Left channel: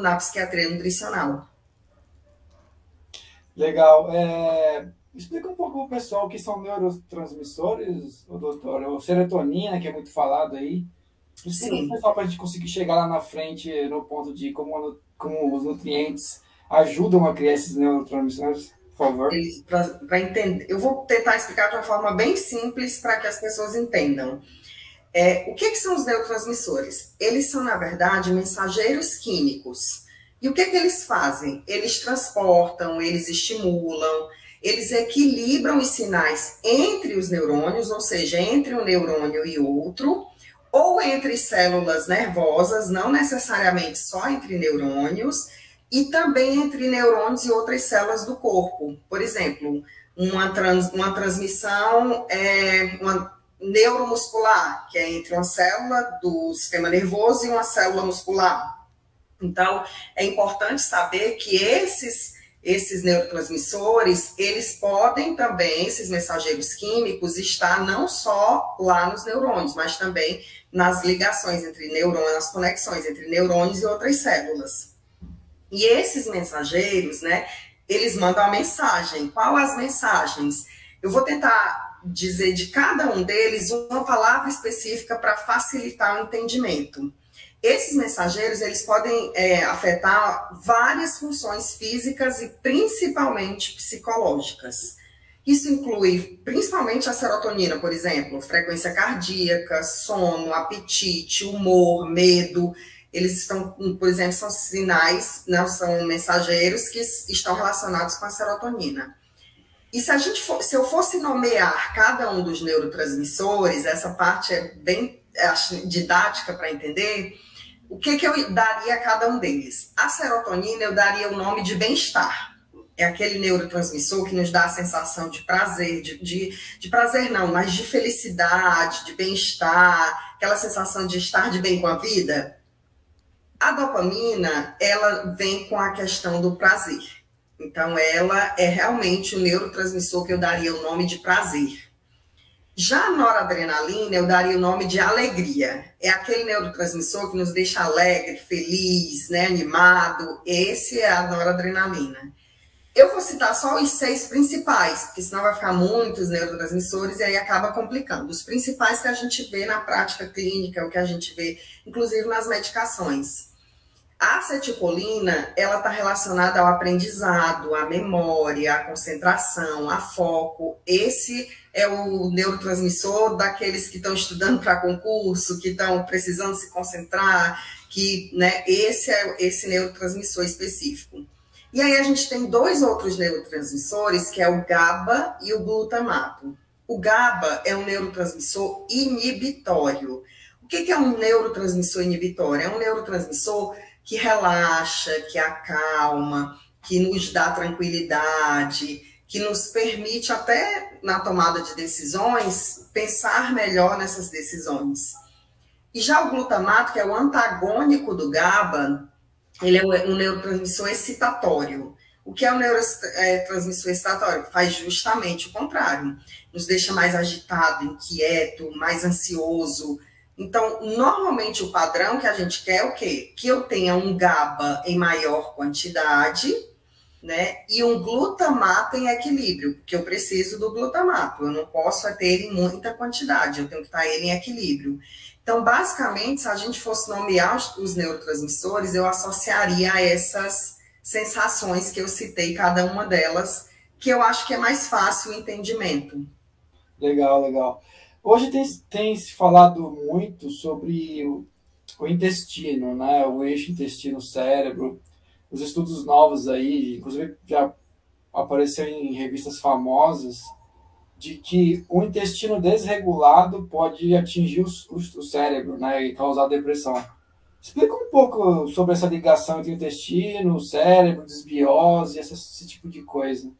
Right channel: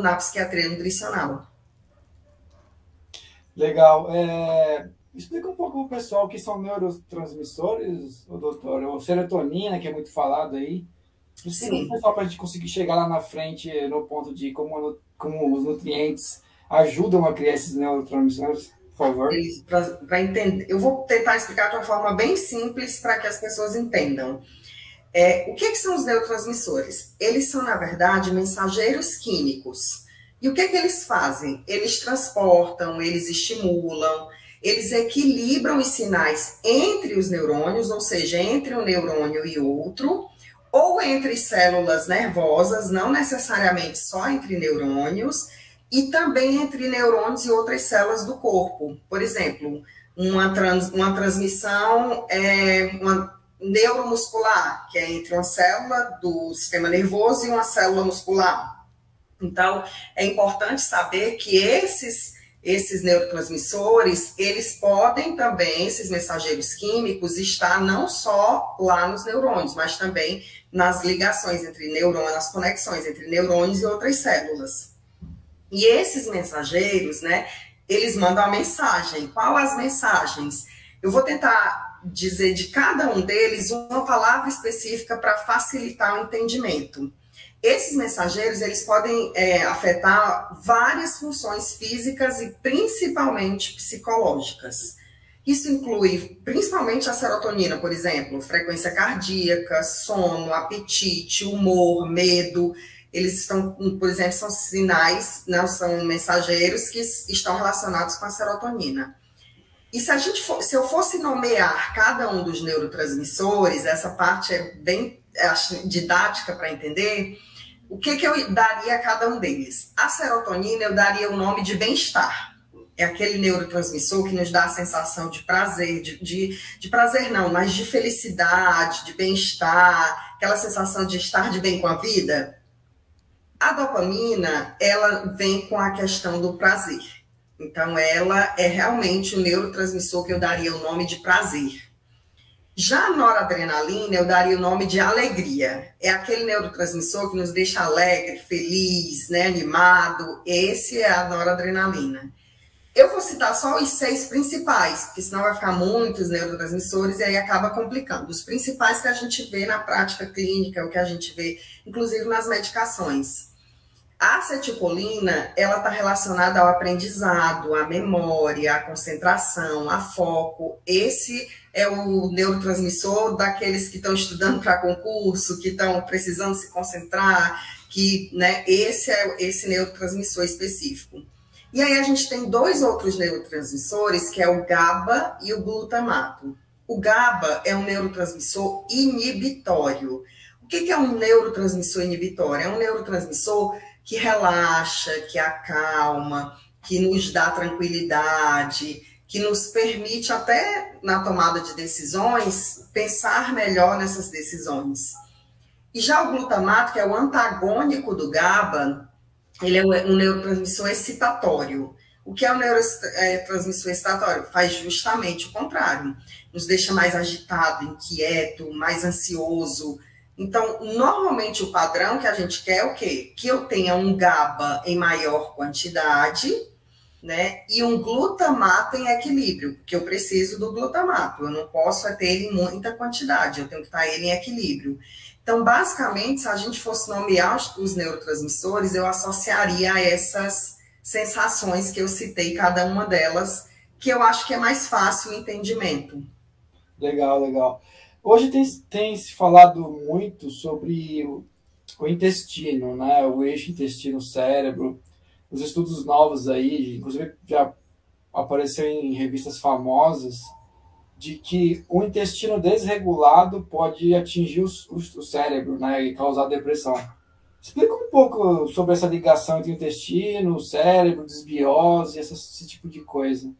na psiquiatria nutricional. Legal. Explica um pouco para o pessoal o que são neurotransmissores, o doutor. O serotonina, que é muito falado aí. Explica para o Sim. pessoal para a gente conseguir chegar lá na frente no ponto de como os nutrientes ajudam a criar esses neurotransmissores, por favor. Para entender, eu vou tentar explicar de uma forma bem simples para que as pessoas entendam. O que são os neurotransmissores? Eles são, na verdade, mensageiros químicos. E o que eles fazem? Eles transportam, eles estimulam, eles equilibram os sinais entre os neurônios, ou seja, entre um neurônio e outro, ou entre células nervosas, não necessariamente só entre neurônios, e também entre neurônios e outras células do corpo. Por exemplo, uma transmissão, uma neuromuscular, que é entre uma célula do sistema nervoso e uma célula muscular. Então, é importante saber que esses neurotransmissores, eles podem também, esses mensageiros químicos, estar não só lá nos neurônios, mas também nas ligações entre neurônios, nas conexões entre neurônios e outras células. E esses mensageiros, né, eles mandam a mensagem. Qual as mensagens? Eu vou tentar dizer de cada um deles uma palavra específica para facilitar o entendimento. Esses mensageiros, eles podem afetar várias funções físicas e principalmente psicológicas. Isso inclui principalmente a serotonina, por exemplo, frequência cardíaca, sono, apetite, humor, medo. Eles estão, por exemplo, são sinais, não são mensageiros que estão relacionados com a serotonina. E se eu fosse nomear cada um dos neurotransmissores, essa parte é bem didática para entender, o que eu daria a cada um deles? A serotonina eu daria o nome de bem-estar. É aquele neurotransmissor que nos dá a sensação de prazer, de prazer não, mas de felicidade, de bem-estar, aquela sensação de estar de bem com a vida. A dopamina, ela vem com a questão do prazer. Então, ela é realmente o neurotransmissor que eu daria o nome de prazer. Já a noradrenalina, eu daria o nome de alegria. É aquele neurotransmissor que nos deixa alegre, feliz, né, animado. Esse é a noradrenalina. Eu vou citar só os 6 principais, porque senão vai ficar muitos neurotransmissores e aí acaba complicando. Os principais que a gente vê na prática clínica, o que a gente vê, inclusive nas medicações. A acetilcolina, ela está relacionada ao aprendizado, à memória, à concentração, a foco. Esse é o neurotransmissor daqueles que estão estudando para concurso, que estão precisando se concentrar, que, né, esse é esse neurotransmissor específico. E aí a gente tem 2 outros neurotransmissores, que é o GABA e o glutamato. O GABA é um neurotransmissor inibitório. O que é um neurotransmissor inibitório? É um neurotransmissor que relaxa, que acalma, que nos dá tranquilidade, que nos permite até na tomada de decisões pensar melhor nessas decisões. E já o glutamato, que é o antagônico do GABA, ele é um neurotransmissor excitatório. O que é um neurotransmissor excitatório? Faz justamente o contrário. Nos deixa mais agitado, inquieto, mais ansioso. Então, normalmente o padrão que a gente quer é o quê? Que eu tenha um GABA em maior quantidade, né? E um glutamato em equilíbrio, porque eu preciso do glutamato. Eu não posso ter ele em muita quantidade, eu tenho que estar ele em equilíbrio. Então, basicamente, se a gente fosse nomear os neurotransmissores, eu associaria a essas sensações que eu citei, cada uma delas, que eu acho que é mais fácil o entendimento. Legal, legal. Hoje tem se falado muito sobre o intestino, né? O eixo intestino-cérebro. Os estudos novos aí, inclusive já apareceu em revistas famosas, de que o intestino desregulado pode atingir o cérebro, né? E causar depressão. Explica um pouco sobre essa ligação entre o intestino, o cérebro, desbiose, esse tipo de coisa.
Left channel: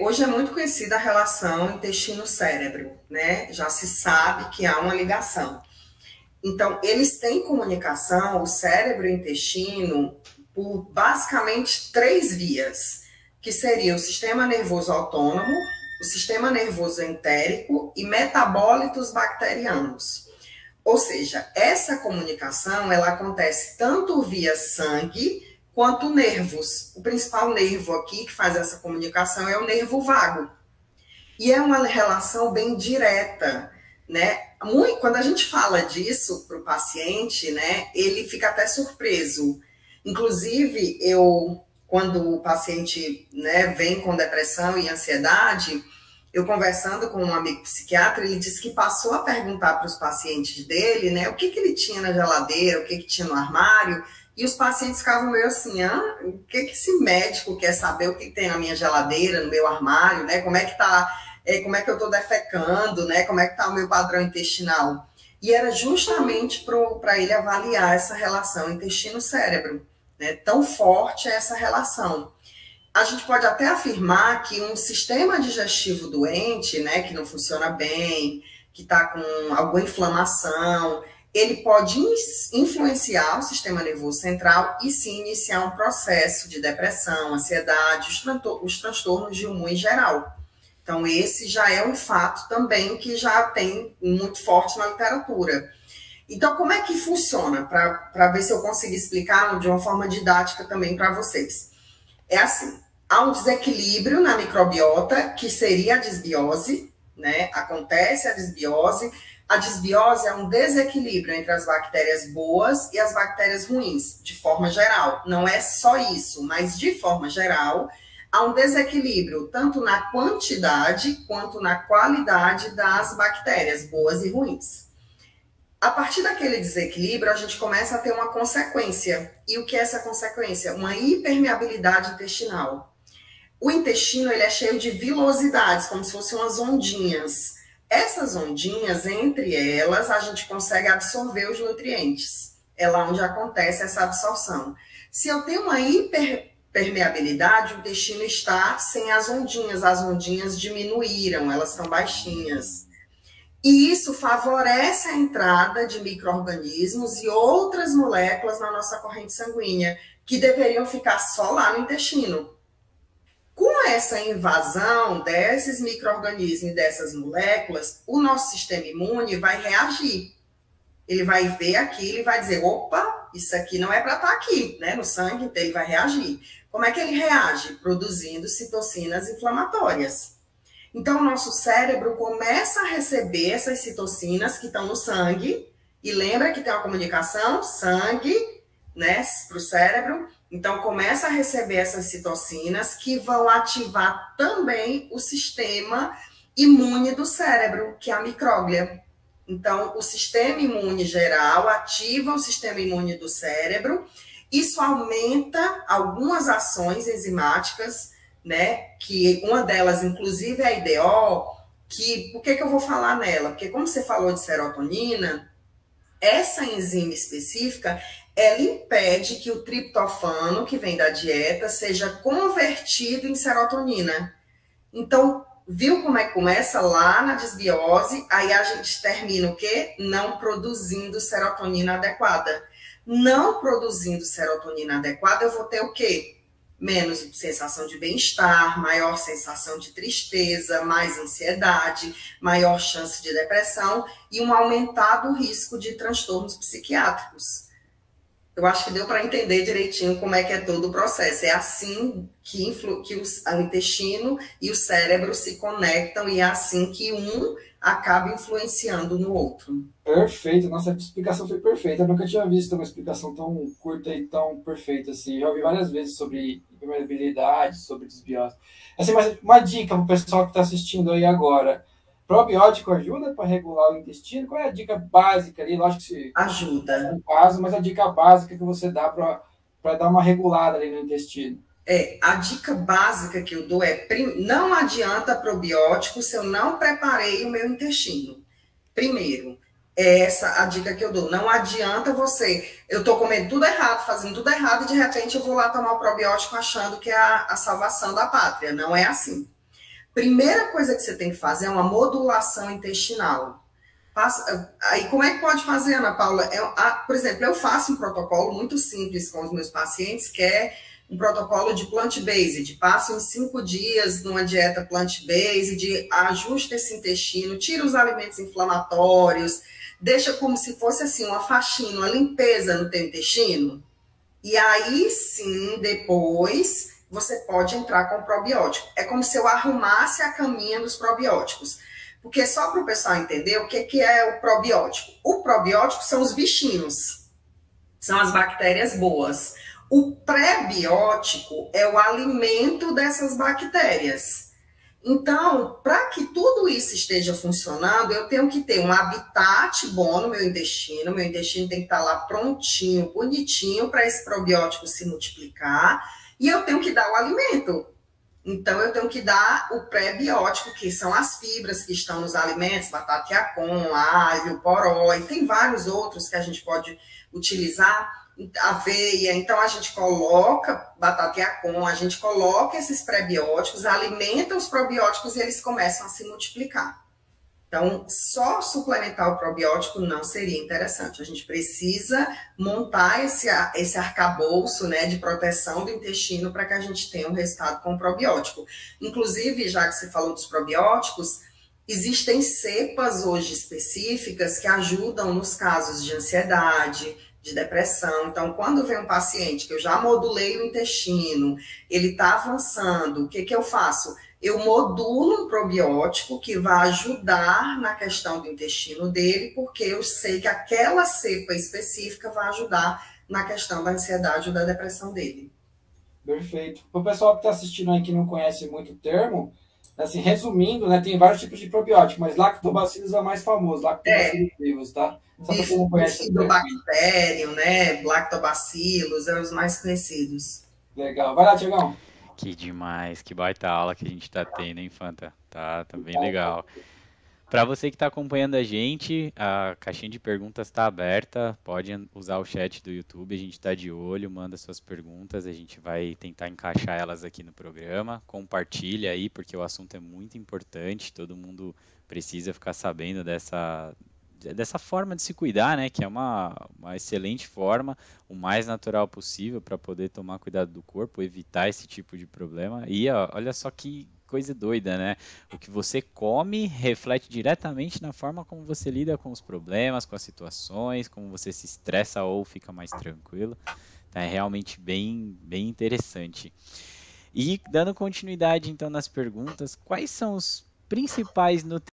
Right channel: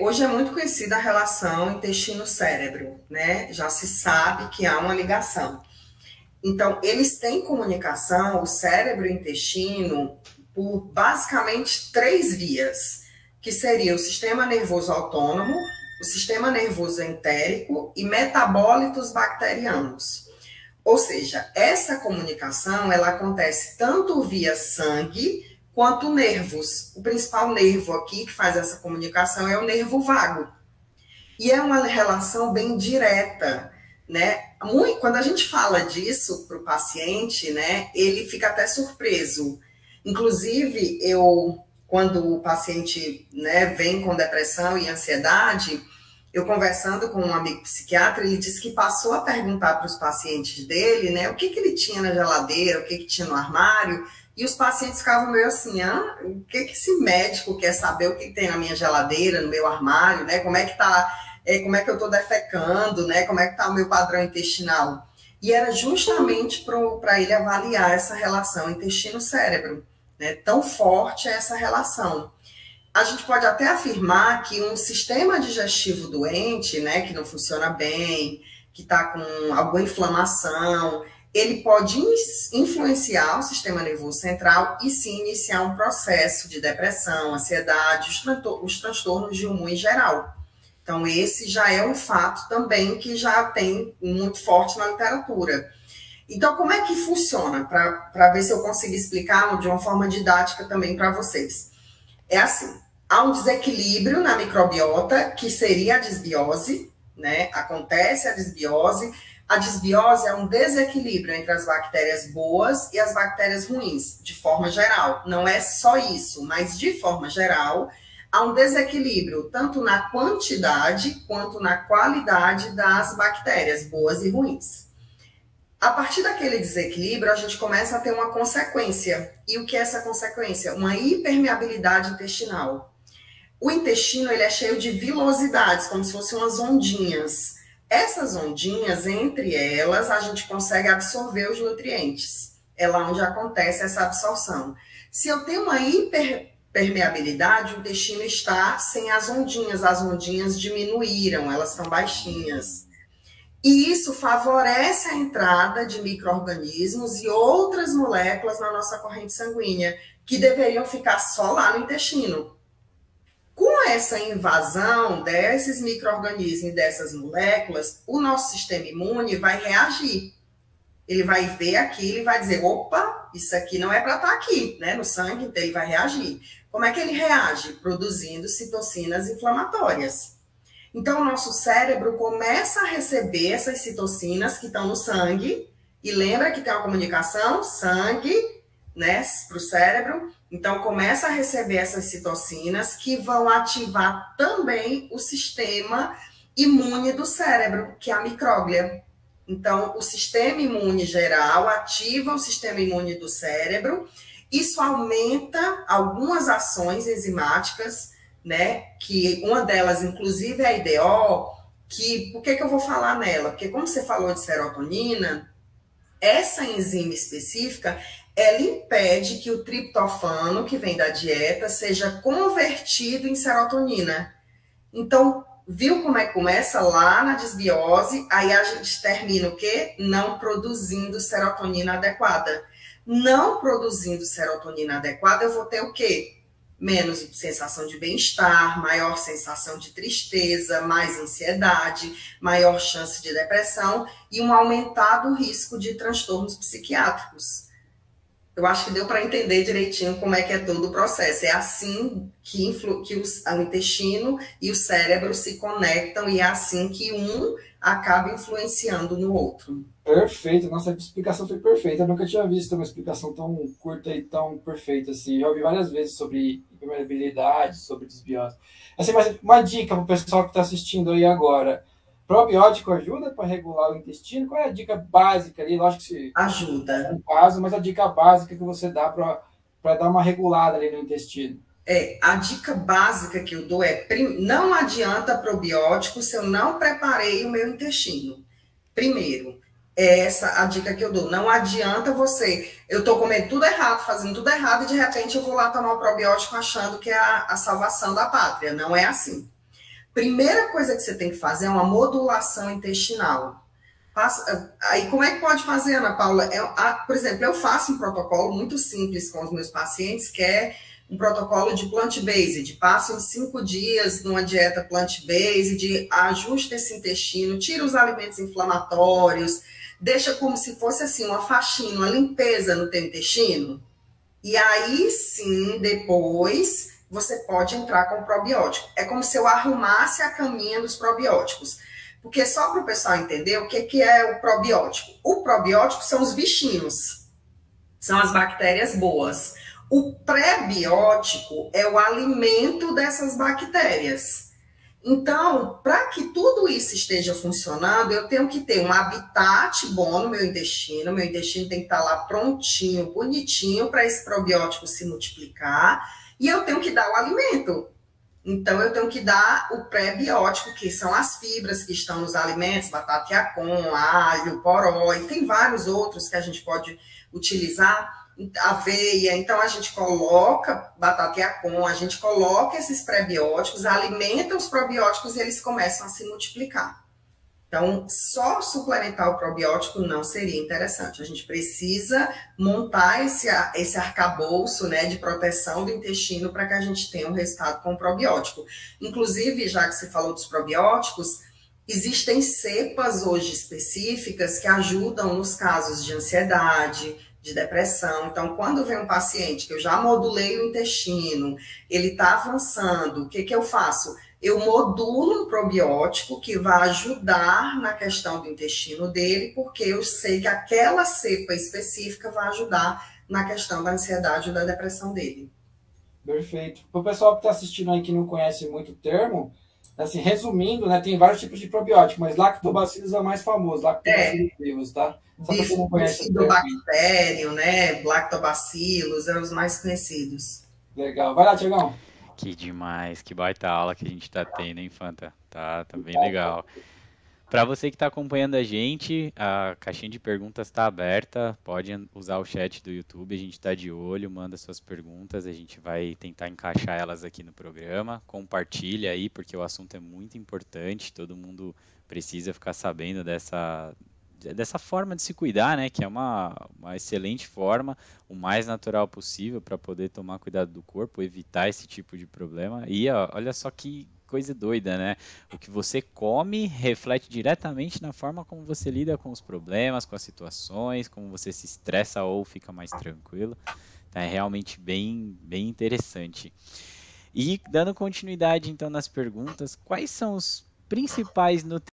Hoje é muito conhecida a relação intestino-cérebro, né? Já se sabe que há uma ligação. Então, eles têm comunicação, o cérebro e o intestino, por basicamente 3 vias, que seria o sistema nervoso autônomo, o sistema nervoso entérico e metabólitos bacterianos. Ou seja, essa comunicação ela acontece tanto via sangue quanto nervos. O principal nervo aqui que faz essa comunicação é o nervo vago. E é uma relação bem direta, né? Quando a gente fala disso para o paciente, né, ele fica até surpreso. Inclusive, quando o paciente, né, vem com depressão e ansiedade, eu conversando com um amigo psiquiatra, ele disse que passou a perguntar para os pacientes dele, né, o que ele tinha na geladeira, o que tinha no armário, e os pacientes ficavam meio assim, o que esse médico quer saber o que tem na minha geladeira, no meu armário, né, como é que eu estou defecando, né, como é que está o meu padrão intestinal. E era justamente para ele avaliar essa relação intestino-cérebro, né, tão forte é essa relação. A gente pode até afirmar que um sistema digestivo doente, né, que não funciona bem, que está com alguma inflamação, ele pode influenciar o sistema nervoso central e sim iniciar um processo de depressão, ansiedade, os transtornos de humor em geral. Então, esse já é um fato também que já tem muito forte na literatura. Então, como é que funciona? Para ver se eu consigo explicar de uma forma didática também para vocês. É assim, há um desequilíbrio na microbiota, que seria a disbiose, né? Acontece a disbiose. A disbiose é um desequilíbrio entre as bactérias boas e as bactérias ruins, de forma geral. Não é só isso, mas de forma geral, há um desequilíbrio tanto na quantidade quanto na qualidade das bactérias boas e ruins. A partir daquele desequilíbrio, a gente começa a ter uma consequência. E o que é essa consequência? Uma hipermeabilidade intestinal. O intestino ele é cheio de vilosidades, como se fossem umas ondinhas. Essas ondinhas, entre elas, a gente consegue absorver os nutrientes. É lá onde acontece essa absorção. Se eu tenho uma hiperpermeabilidade, o intestino está sem as ondinhas diminuíram, elas estão baixinhas. E isso favorece a entrada de micro-organismos e outras moléculas na nossa corrente sanguínea, que deveriam ficar só lá no intestino. Com essa invasão desses micro-organismos e dessas moléculas, o nosso sistema imune vai reagir. Ele vai ver aquilo e vai dizer, opa, isso aqui não é para estar aqui, né, no sangue, então ele vai reagir. Como é que ele reage? Produzindo citocinas inflamatórias. Então, o nosso cérebro começa a receber essas citocinas que estão no sangue, e lembra que tem uma comunicação, sangue, né, para o cérebro. Então, começa a receber essas citocinas que vão ativar também o sistema imune do cérebro, que é a micróglia. Então, o sistema imune geral ativa o sistema imune do cérebro. Isso aumenta algumas ações enzimáticas, né? Que uma delas, inclusive, é a IDO, por que eu vou falar nela? Porque como você falou de serotonina, essa enzima específica, ela impede que o triptofano, que vem da dieta, seja convertido em serotonina. Então, viu como é que começa lá na disbiose, aí a gente termina o quê? Não produzindo serotonina adequada. Não produzindo serotonina adequada, eu vou ter o quê? Menos sensação de bem-estar, maior sensação de tristeza, mais ansiedade, maior chance de depressão e um aumentado risco de transtornos psiquiátricos. Eu acho que deu para entender direitinho como é que é todo o processo. É assim que o intestino e o cérebro se conectam e é assim que um acaba influenciando no outro. Perfeito, nossa explicação foi perfeita. Eu nunca tinha visto uma explicação tão curta e tão perfeita assim. Já ouvi várias vezes sobre permeabilidade, sobre desbiose. Assim, mas uma dica para o pessoal que está assistindo aí agora. Probiótico ajuda para regular o intestino? Qual é a dica básica ali? Lógico que ajuda. No caso, mas a dica básica que você dá para dar uma regulada ali no intestino. A dica básica que eu dou é: não adianta probiótico se eu não preparei o meu intestino. Primeiro, essa a dica que eu dou. Não adianta eu estou comendo tudo errado, fazendo tudo errado, e de repente eu vou lá tomar o probiótico achando que é a salvação da pátria. Não é assim. Primeira coisa que você tem que fazer é uma modulação intestinal. Aí, como é que pode fazer, Ana Paula? Por exemplo, eu faço um protocolo muito simples com os meus pacientes, que é um protocolo de plant-based. Passo em 5 dias numa dieta plant-based, ajusta esse intestino, tira os alimentos inflamatórios, deixa como se fosse assim uma faxina, uma limpeza no teu intestino. E aí sim, depois você pode entrar com o probiótico. É como se eu arrumasse a caminha dos probióticos. Porque só para o pessoal entender o que é o probiótico. O probiótico são os bichinhos, são as bactérias boas. O pré-biótico é o alimento dessas bactérias. Então, para que tudo isso esteja funcionando, eu tenho que ter um habitat bom no meu intestino tem que estar lá prontinho, bonitinho, para esse probiótico se multiplicar, e eu tenho que dar o alimento. Então, eu tenho que dar o pré-biótico, que são as fibras que estão nos alimentos, batata yacon, alho, poró, e tem vários outros que a gente pode utilizar, aveia. Então, a gente coloca batata yacon, a gente coloca esses pré-bióticos, alimenta os probióticos e eles começam a se multiplicar. Então, só suplementar o probiótico não seria interessante. A gente precisa montar esse arcabouço, né, de proteção do intestino para que a gente tenha um resultado com o probiótico. Inclusive, já que você falou dos probióticos, existem cepas hoje específicas que ajudam nos casos de ansiedade, de depressão. Então, quando vem um paciente que eu já modulei o intestino, ele está avançando, o que eu faço? Eu modulo um probiótico que vai ajudar na questão do intestino dele, porque eu sei que aquela cepa específica vai ajudar na questão da ansiedade ou da depressão dele. Perfeito. Para o pessoal que está assistindo aí que não conhece muito o termo, assim, resumindo, né, tem vários tipos de probiótico, mas lactobacillus é o mais famoso, lactobacillus vivos, tá? Só para quem não conhece. Bifidobacterium, né, lactobacillus, são os mais conhecidos. Legal. Vai lá, Tiagão. Que demais, que baita aula que a gente tá tendo, hein, Fanta? Tá bem legal. Para você que está acompanhando a gente, a caixinha de perguntas está aberta, pode usar o chat do YouTube, a gente está de olho, manda suas perguntas, a gente vai tentar encaixar elas aqui no programa, compartilha aí, porque o assunto é muito importante, todo mundo precisa ficar sabendo dessa forma de se cuidar, né? Que é uma excelente forma, o mais natural possível para poder tomar cuidado do corpo, evitar esse tipo de problema. E ó, olha só que coisa doida, né? O que você come reflete diretamente na forma como você lida com os problemas, com as situações, como você se estressa ou fica mais tranquilo. Então, é realmente bem interessante. E dando continuidade então nas perguntas, quais são os principais nutrientes